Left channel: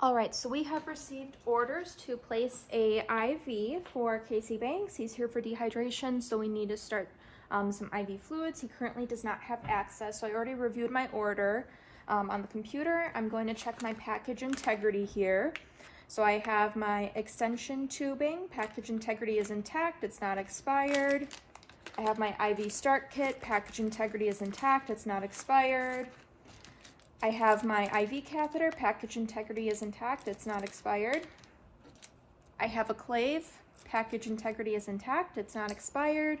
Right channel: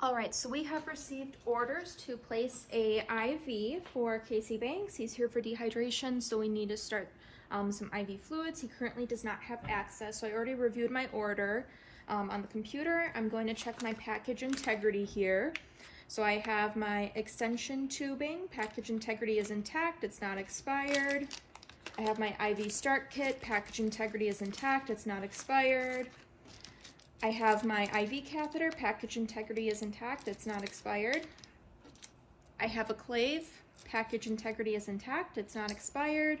All right, so we have received orders to place a IV for Casey Banks. He's here for dehydration, so we need to start some IV fluids. He currently does not have access, so I already reviewed my order on the computer. I'm going to check my package integrity here. So I have my extension tubing. Package integrity is intact, it's not expired. I have my IV start kit. Package integrity is intact, it's not expired. I have my IV catheter, package integrity is intact, it's not expired. I have a clave, package integrity is intact, it's not expired.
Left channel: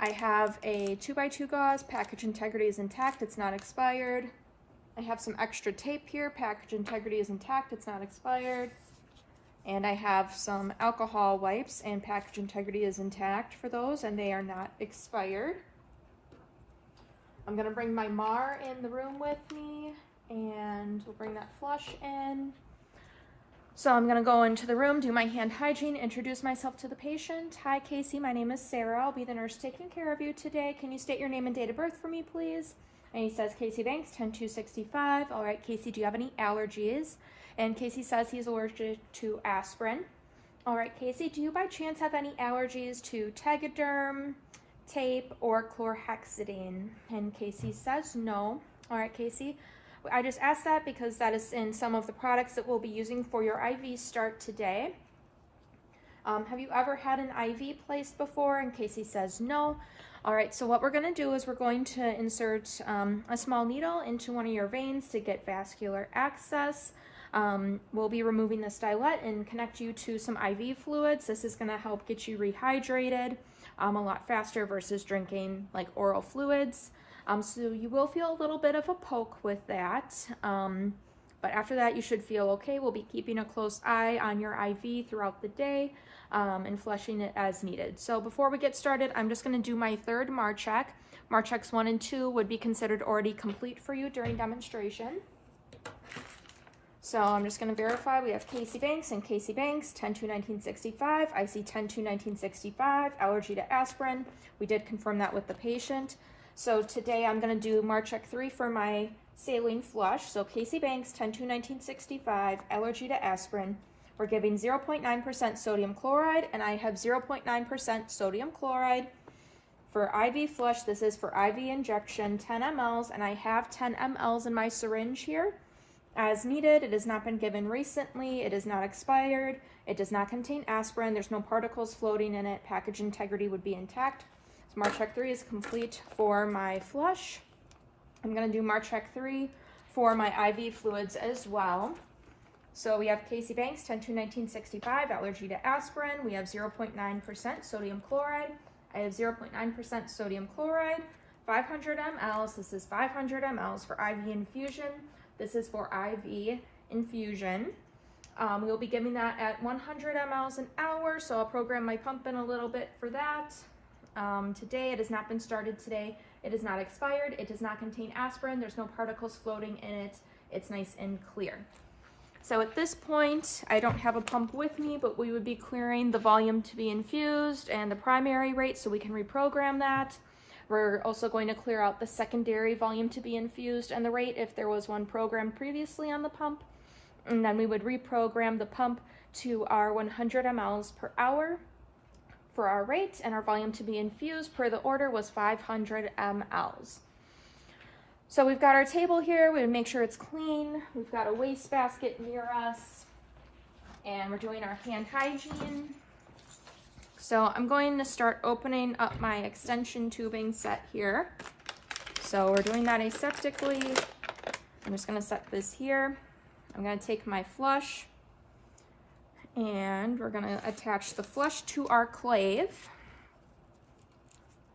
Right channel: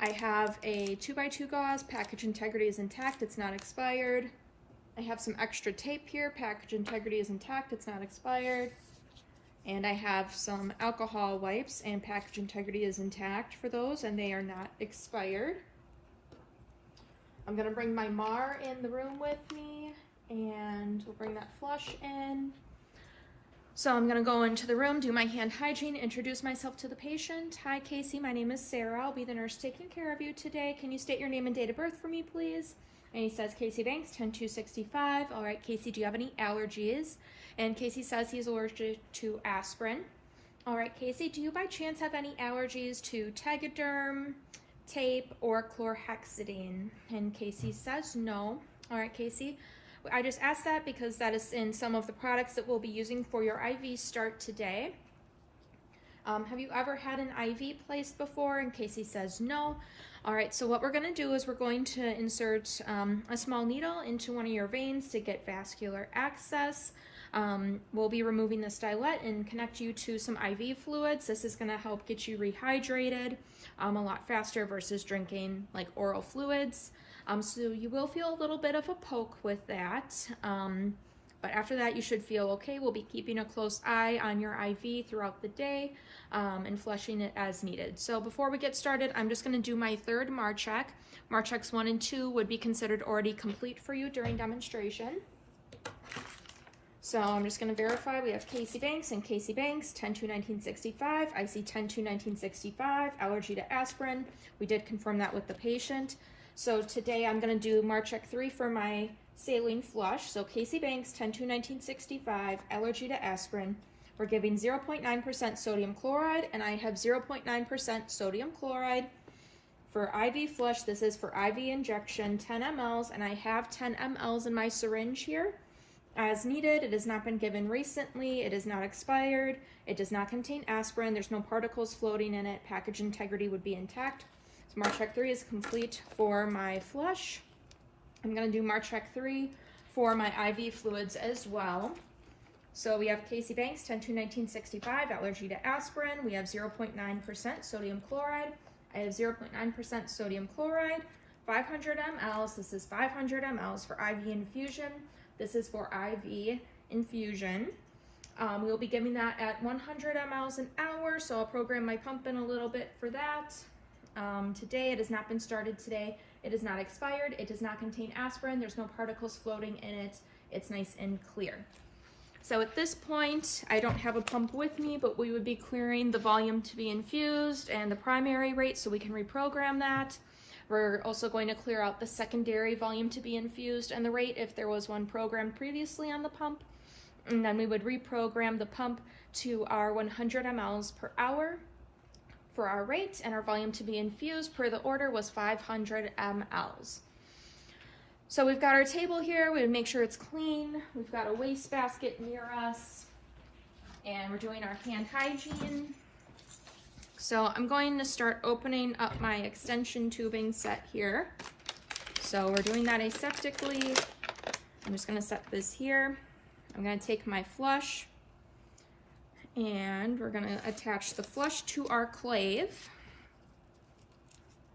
I have a 2x2 gauze, package integrity is intact, it's not expired. I have some extra tape here, package integrity is intact, it's not expired. And I have some alcohol wipes and package integrity is intact for those and they are not expired. I'm gonna bring my MAR in the room with me and we'll bring that flush in. So I'm gonna go into the room, do my hand hygiene, introduce myself to the patient. Hi Casey, my name is Sarah. I'll be the nurse taking care of you today. Can you state your name and date of birth for me, please? And he says, Casey Banks, 10-265. All right, Casey, do you have any allergies? And Casey says he's allergic to aspirin. All right, Casey, do you by chance have any allergies to Tegaderm, tape, or chlorhexidine? And Casey says no. All right, Casey, I just asked that because that is in some of the products that we'll be using for your IV start today. Have you ever had an IV placed before? And Casey says no. All right, so what we're going to do is we're going to insert a small needle into one of your veins to get vascular access. We'll be removing the stylet and connect you to some IV fluids. This is going to help get you rehydrated a lot faster versus drinking like oral fluids. So you will feel a little bit of a poke with that, but after that you should feel okay. We'll be keeping a close eye on your IV throughout the day and flushing it as needed. So before we get started, I'm just going to do my third MAR check. MAR checks 1 and 2 would be considered already complete for you during demonstration. So I'm just going to verify we have Casey Banks and Casey Banks, 10-2-1965, IC 10-2-1965, allergy to aspirin. We did confirm that with the patient. So today I'm going to do MAR check 3 for my saline flush. So Casey Banks, 10-2-1965, allergy to aspirin. We're giving 0.9% sodium chloride, and I have 0.9% sodium chloride. For IV flush, this is for IV injection, 10 mLs, and I have 10 mLs in my syringe here. As needed, it has not been given recently, it is not expired, it does not contain aspirin, there's no particles floating in it, package integrity would be intact. So MAR check 3 is complete for my flush. I'm going to do MAR check 3 for my IV fluids as well. So we have Casey Banks, 10-2-1965, allergy to aspirin. We have 0.9% sodium chloride. I have 0.9% sodium chloride, 500 mLs. This is 500 mLs for IV infusion. This is for IV infusion. We will be giving that at 100 mLs an hour, so I'll program my pump in a little bit for that. Today, it has not been started today. It is not expired. It does not contain aspirin. There's no particles floating in it. It's nice and clear. So at this point, I don't have a pump with me, but we would be clearing the volume to be infused and the primary rate so we can reprogram that. We're also going to clear out the secondary volume to be infused and the rate if there was one programmed previously on the pump. And then we would reprogram the pump to our 100 mLs per hour for our rate, and our volume to be infused per the order was 500 mLs. So we've got our table here, we would make sure it's clean. We've got a wastebasket near us, and we're doing our hand hygiene. So I'm going to start opening up my extension tubing set here. So we're doing that aseptically. I'm just going to set this here. I'm going to take my flush and we're going to attach the flush to our clave.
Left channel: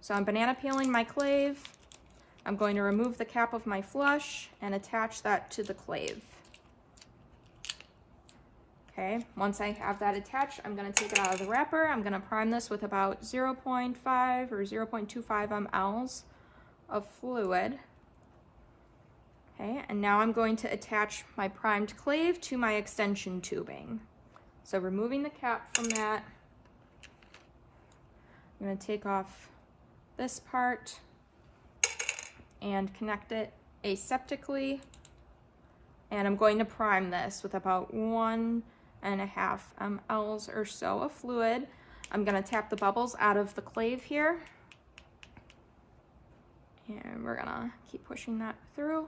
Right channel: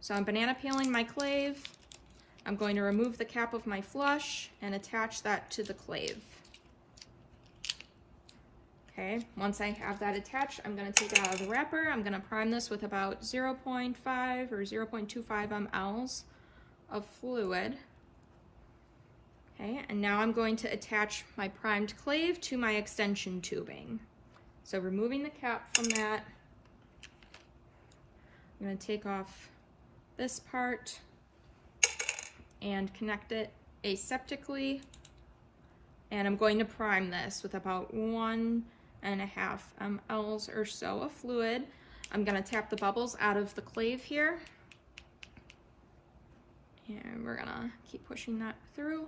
So I'm banana peeling my clave. I'm going to remove the cap of my flush and attach that to the clave. Okay, once I have that attached, I'm going to take it out of the wrapper. I'm going to prime this with about 0.5 or 0.25 mLs of fluid. Okay, and now I'm going to attach my primed clave to my extension tubing. So removing the cap from that, I'm going to take off this part and connect it aseptically And I'm going to prime this with about 1.5 mLs or so of fluid. I'm going to tap the bubbles out of the clave here. And we're going to keep pushing that through.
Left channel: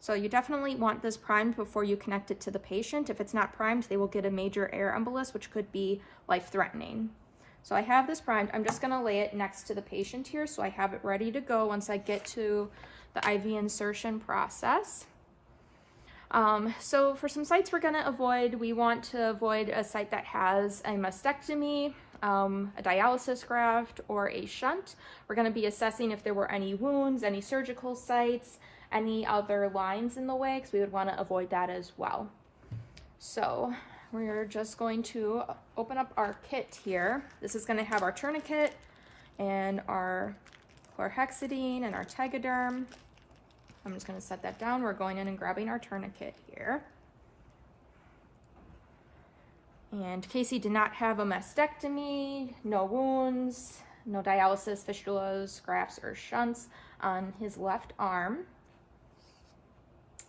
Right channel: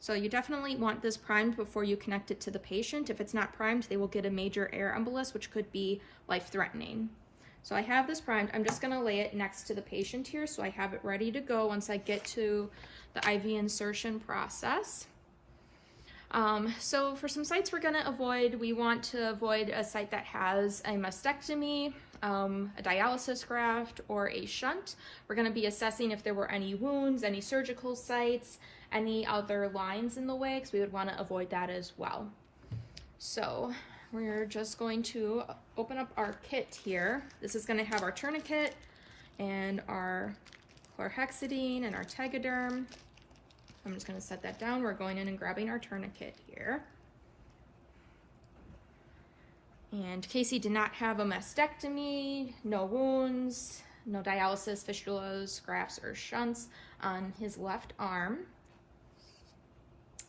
So you definitely want this primed before you connect it to the patient. If it's not primed, they will get a major air embolus, which could be life-threatening. So I have this primed. I'm just going to lay it next to the patient here so I have it ready to go once I get to the IV insertion process. So for some sites we're going to avoid, we want to avoid a site that has a mastectomy, a dialysis graft, or a shunt. We're going to be assessing if there were any wounds, any surgical sites, any other lines in the way, because we would want to avoid that as well. So we're just going to open up our kit here. This is going to have our tourniquet and our chlorhexidine and our Tegaderm. I'm just going to set that down. We're going in and grabbing our tourniquet here. And Casey did not have a mastectomy, no wounds, no dialysis, fistulas, grafts, or shunts on his left arm.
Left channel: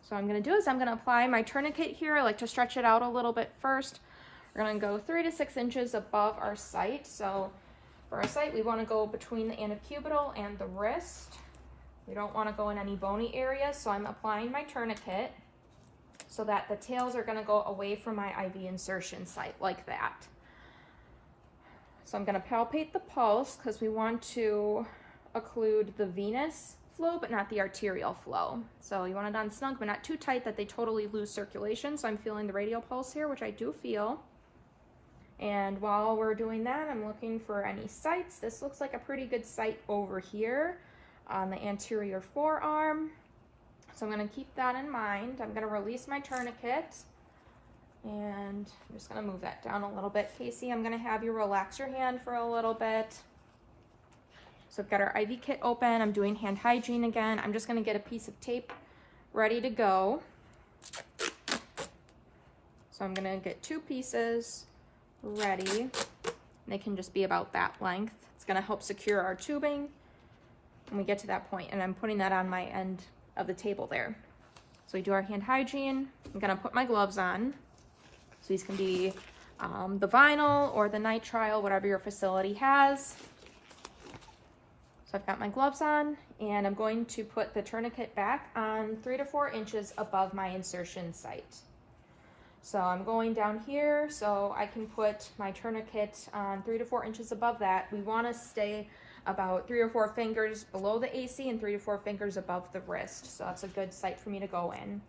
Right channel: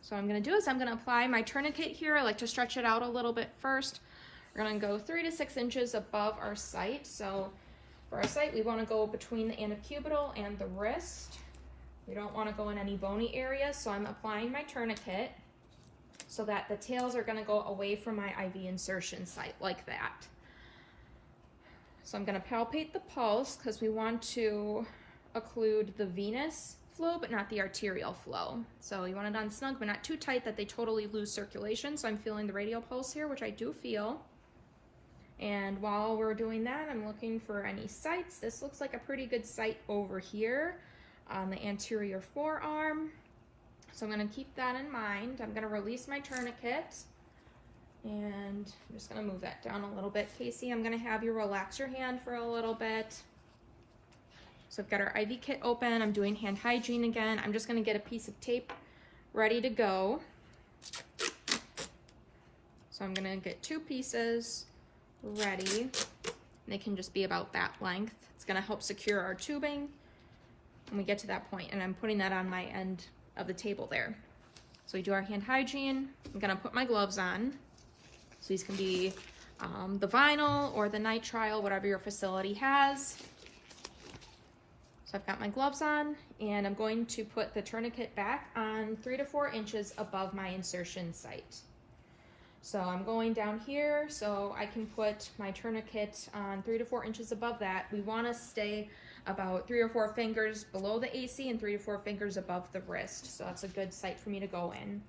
So what I'm going to do is I'm going to apply my tourniquet here. I like to stretch it out a little bit first. We're going to go 3 to 6 inches above our site. So for our site, we want to go between the antecubital and the wrist. We don't want to go in any bony areas, so I'm applying my tourniquet so that the tails are going to go away from my IV insertion site, like that. So I'm going to palpate the pulse because we want to occlude the venous flow, but not the arterial flow. So you want it on snug, but not too tight that they totally lose circulation. So I'm feeling the radial pulse here, which I do feel. And while we're doing that, I'm looking for any sites. This looks like a pretty good site over here on the anterior forearm. So I'm going to keep that in mind. I'm going to release my tourniquet. And I'm just going to move that down a little bit. Casey, I'm going to have you relax your hand for a little bit. So I've got our IV kit open. I'm doing hand hygiene again. I'm just going to get a piece of tape ready to go. So I'm going to get 2 pieces ready. They can just be about that length. It's going to help secure our tubing when we get to that point, and I'm putting that on my end of the table there. So we do our hand hygiene. I'm going to put my gloves on. So these can be the vinyl or the nitrile, whatever your facility has. So I've got my gloves on, and I'm going to put the tourniquet back on 3 to 4 inches above my insertion site. So I'm going down here so I can put my tourniquet on 3 to 4 inches above that. We want to stay about 3 or 4 fingers below the AC and 3 to 4 fingers above the wrist. So that's a good site for me to go in.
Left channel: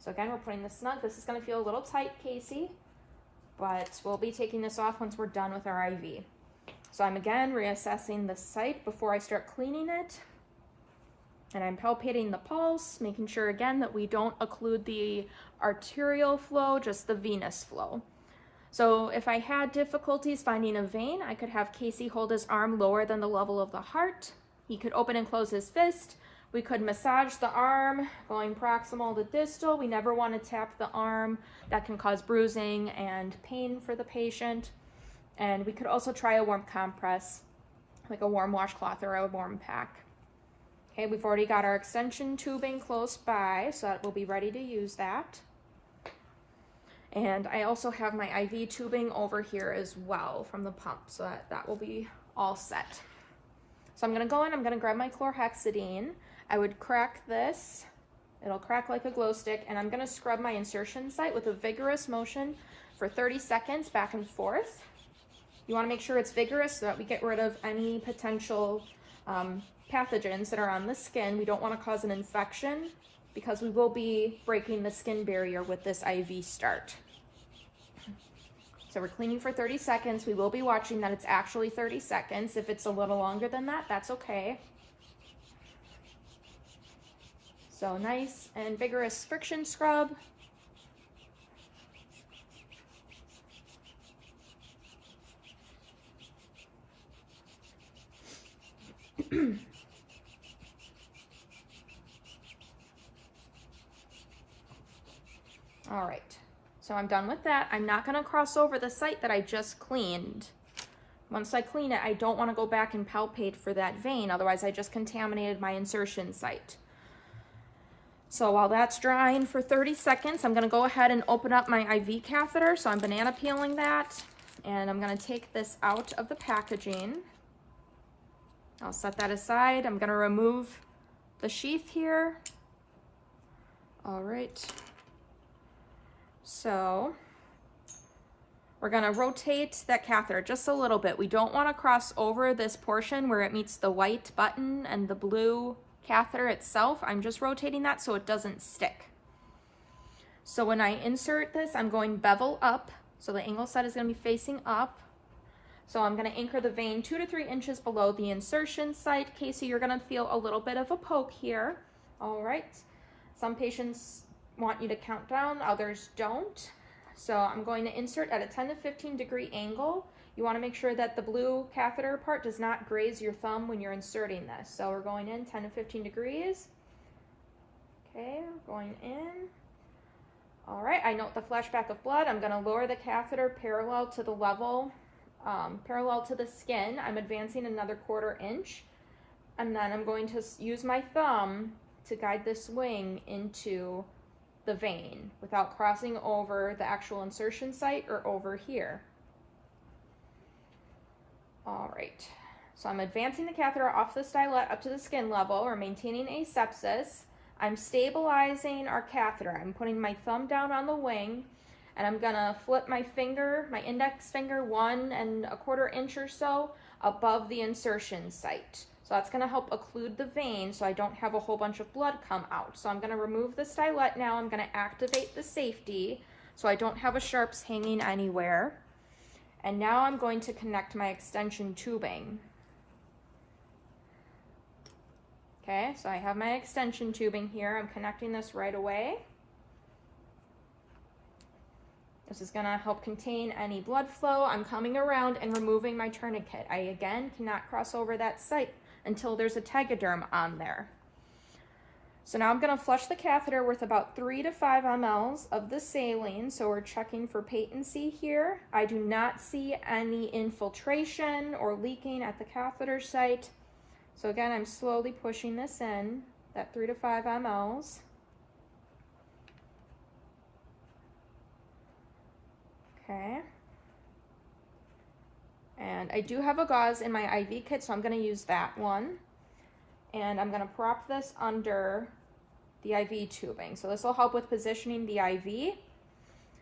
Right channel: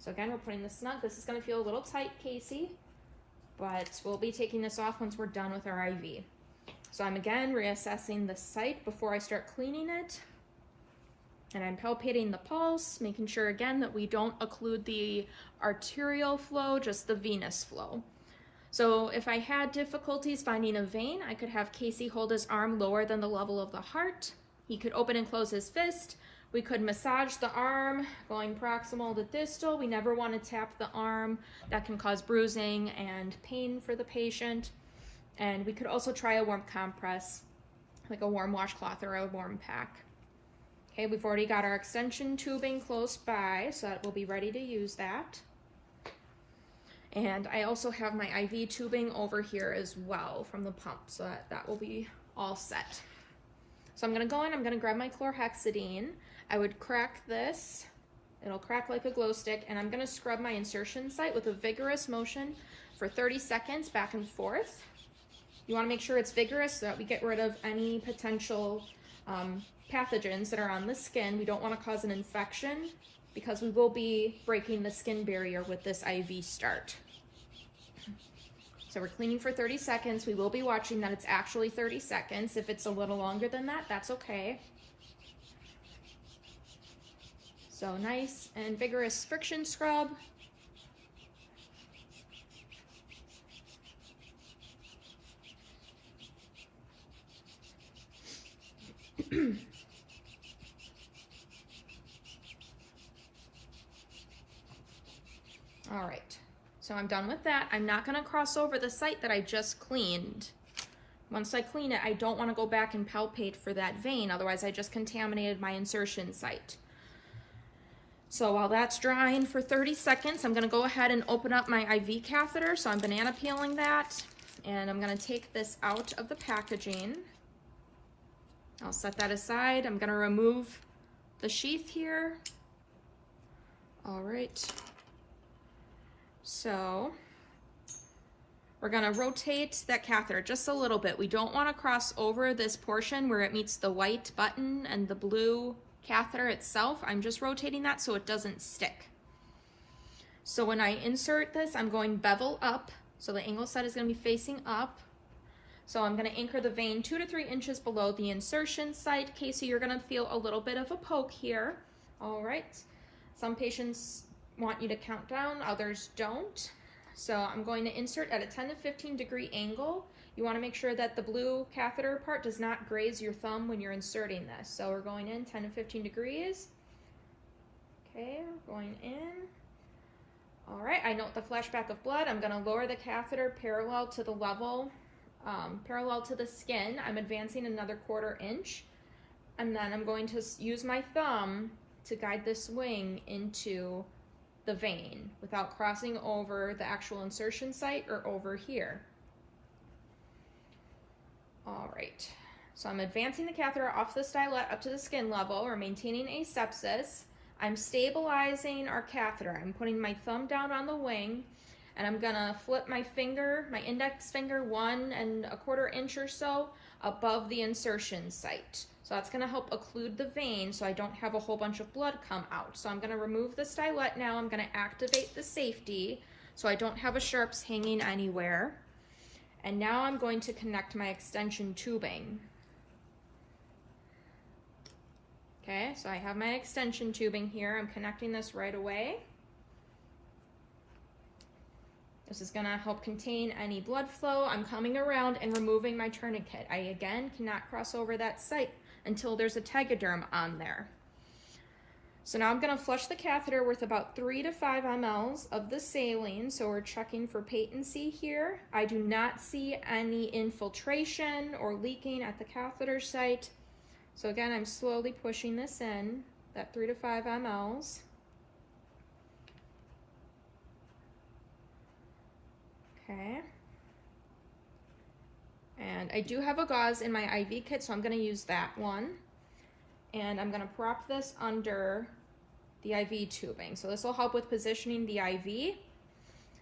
So again, we're putting this snug. This is going to feel a little tight, Casey, but we'll be taking this off once we're done with our IV. So I'm again reassessing the site before I start cleaning it. And I'm palpating the pulse, making sure again that we don't occlude the arterial flow, just the venous flow. So if I had difficulties finding a vein, I could have Casey hold his arm lower than the level of the heart. He could open and close his fist. We could massage the arm, going proximal to distal. We never want to tap the arm. That can cause bruising and pain for the patient. And we could also try a warm compress, like a warm washcloth or a warm pack. Okay, we've already got our extension tubing close by, so that we'll be ready to use that. And I also have my IV tubing over here as well from the pump, so that will be all set. So I'm going to go in, I'm going to grab my chlorhexidine. I would crack this. It'll crack like a glow stick, and I'm going to scrub my insertion site with a vigorous motion for 30 seconds back and forth. You want to make sure it's vigorous so that we get rid of any potential pathogens that are on the skin. We don't want to cause an infection because we will be breaking the skin barrier with this IV start. So we're cleaning for 30 seconds. We will be watching that it's actually 30 seconds. If it's a little longer than that, that's okay. So nice and vigorous friction scrub. All right. So I'm done with that. I'm not going to cross over the site that I just cleaned. Once I clean it, I don't want to go back and palpate for that vein, otherwise I just contaminated my insertion site. So while that's drying for 30 seconds, I'm gonna go ahead and open up my IV catheter. So I'm banana peeling that, and I'm gonna take this out of the packaging. I'll set that aside. I'm gonna remove the sheath here. All right. So we're gonna rotate that catheter just a little bit. We don't wanna cross over this portion where it meets the white button and the blue catheter itself. I'm just rotating that so it doesn't stick. So when I insert this, I'm going bevel up. So the angle set is gonna be facing up. So I'm gonna anchor the vein 2 to 3 inches below the insertion site. Casey, you're gonna feel a little bit of a poke here. All right. Some patients want you to count down, others don't. So I'm going to insert at a 10 to 15 degree angle. You want to make sure that the blue catheter part does not graze your thumb when you're inserting this. So we're going in 10 to 15 degrees. Okay, we're going in. All right, I note the flashback of blood. I'm going to lower the catheter parallel to the level, parallel to the skin. I'm advancing another 1/4 inch. And then I'm going to use my thumb to guide this wing into the vein without crossing over the actual insertion site or over here. All right, so I'm advancing the catheter off the stylet up to the skin level. We're maintaining asepsis. I'm stabilizing our catheter. I'm putting my thumb down on the wing, and I'm gonna flip my finger, my index finger, 1 1/4 inch or so above the insertion site. So that's gonna help occlude the vein so I don't have a whole bunch of blood come out. So I'm gonna remove the stylet now. I'm gonna activate the safety so I don't have a sharps hanging anywhere. And now I'm going to connect my extension tubing. Okay, so I have my extension tubing here. I'm connecting this right away. This is gonna help contain any blood flow. I'm coming around and removing my tourniquet. I again cannot cross over that site until there's a tegaderm on there. So now I'm gonna flush the catheter with about 3 to 5 mLs of the saline. So we're checking for patency here. I do not see any infiltration or leaking at the catheter site. So again, I'm slowly pushing this in, that 3 to 5 mLs. Okay. And I do have a gauze in my IV kit, so I'm going to use that one. And I'm going to prop this under the IV tubing. So this will help with positioning the IV,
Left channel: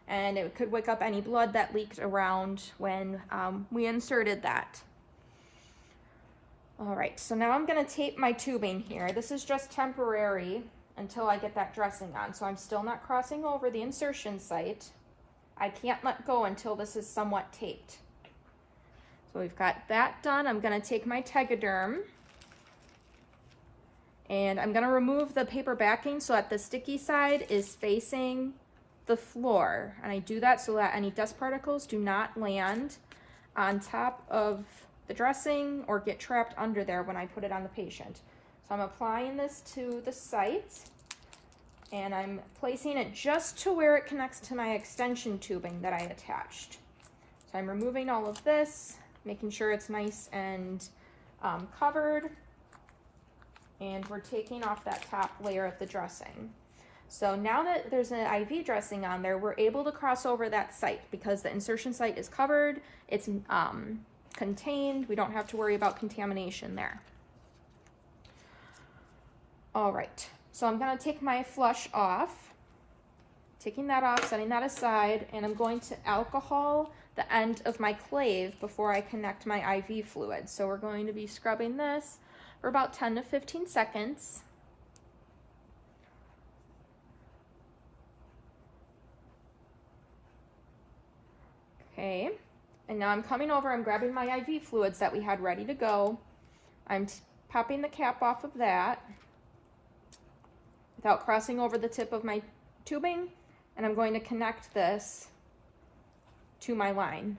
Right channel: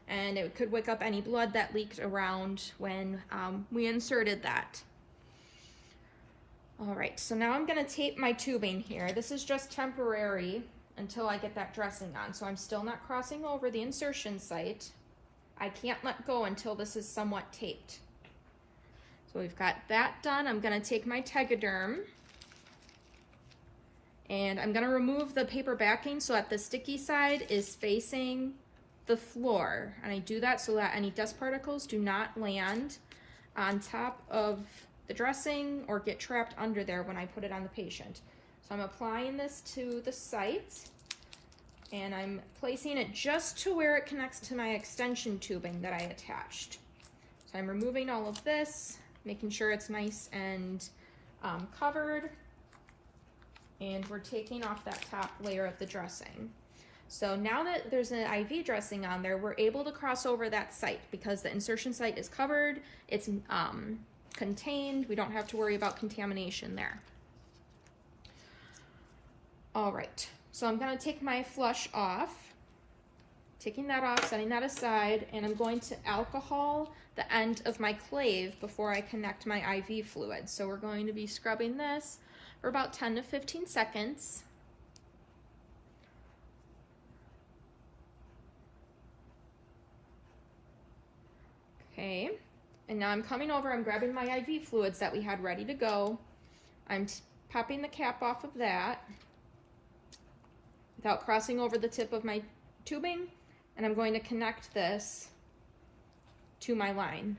and it could wake up any blood that leaked around when we inserted that. All right, so now I'm going to tape my tubing here. This is just temporary until I get that dressing on. So I'm still not crossing over the insertion site. I can't let go until this is somewhat taped. So we've got that done. I'm going to take my tegaderm and I'm going to remove the paper backing so that the sticky side is facing the floor. And I do that so that any dust particles do not land on top of the dressing or get trapped under there when I put it on the patient. So I'm applying this to the site and I'm placing it just to where it connects to my extension tubing that I attached. So I'm removing all of this, making sure it's nice and covered, and we're taking off that top layer of the dressing. So now that there's an IV dressing on there, we're able to cross over that site because the insertion site is covered, it's contained, we don't have to worry about contamination there. All right, so I'm gonna take my flush off, taking that off, setting that aside, and I'm going to alcohol the end of my clave before I connect my IV fluid. So we're going to be scrubbing this for about 10 to 15 seconds. Okay, and now I'm coming over, I'm grabbing my IV fluids that we had ready to go. I'm popping the cap off of that without crossing over the tip of my tubing, and I'm going to connect this to my line,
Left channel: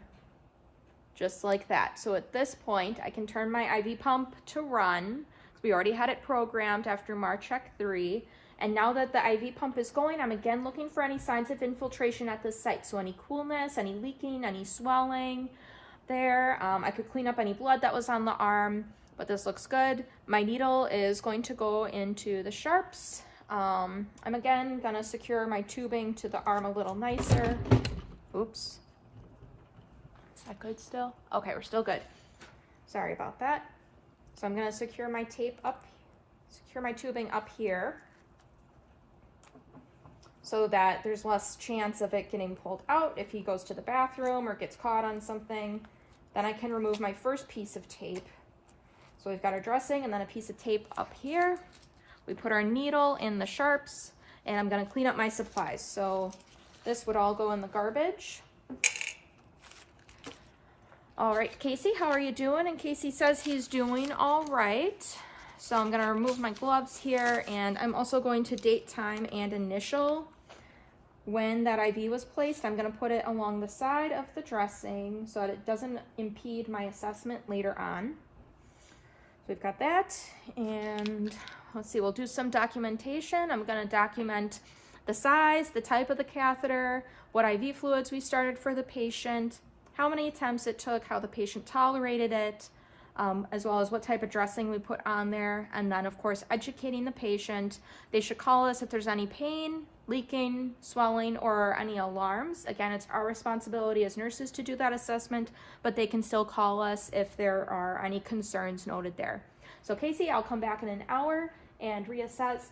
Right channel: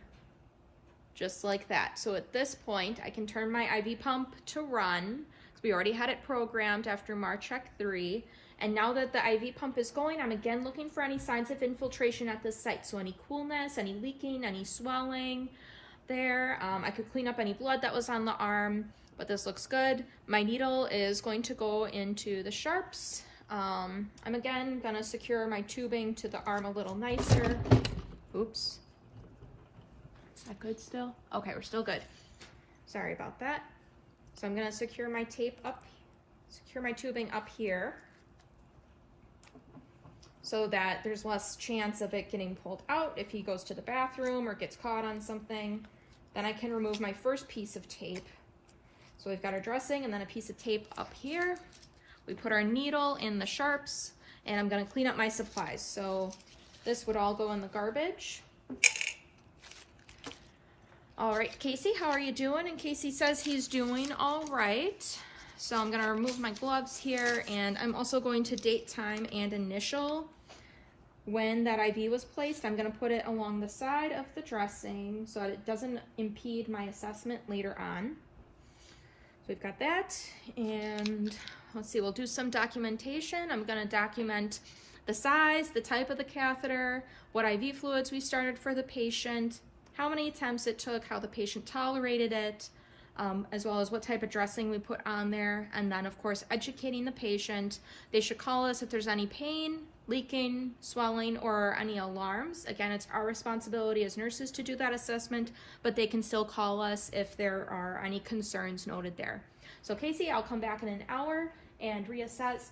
just like that. So at this point, I can turn my IV pump to run. So we already had it programmed after Marcheck 3. And now that the IV pump is going, I'm again looking for any signs of infiltration at the site. So any coolness, any leaking, any swelling there. I could clean up any blood that was on the arm, but this looks good. My needle is going to go into the sharps. I'm again gonna secure my tubing to the arm a little nicer. Oops. Is that good still? Okay, we're still good. Sorry about that. So I'm gonna secure my tubing up here so that there's less chance of it getting pulled out if he goes to the bathroom or gets caught on something. Then I can remove my first piece of tape. So we've got our dressing and then a piece of tape up here. We put our needle in the sharps, and I'm gonna clean up my supplies. So this would all go in the garbage. All right, Casey, how are you doing? And Casey says he's doing all right. So I'm gonna remove my gloves here, and I'm also going to date, time, and initial when that IV was placed. I'm gonna put it along the side of the dressing so that it doesn't impede my assessment later on. So we've got that, and let's see, we'll do some documentation. I'm gonna document the size, the type of the catheter, what IV fluids we started for the patient, how many attempts it took, how the patient tolerated it, as well as what type of dressing we put on there, and then of course educating the patient. They should call us if there's any pain, leaking, swelling, or any alarms. Again, it's our responsibility as nurses to do that assessment, but they can still call us if there are any concerns noted there. So Casey, I'll come back in an hour and reassess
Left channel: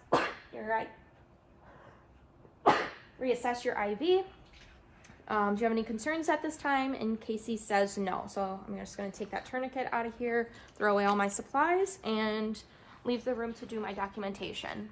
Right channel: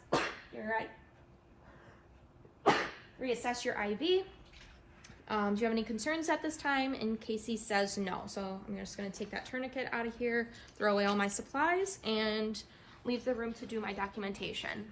reassess your IV. Do you have any concerns at this time? And Casey says no. So I'm just going to take that tourniquet out of here, throw away all my supplies, and leave the room to do my documentation.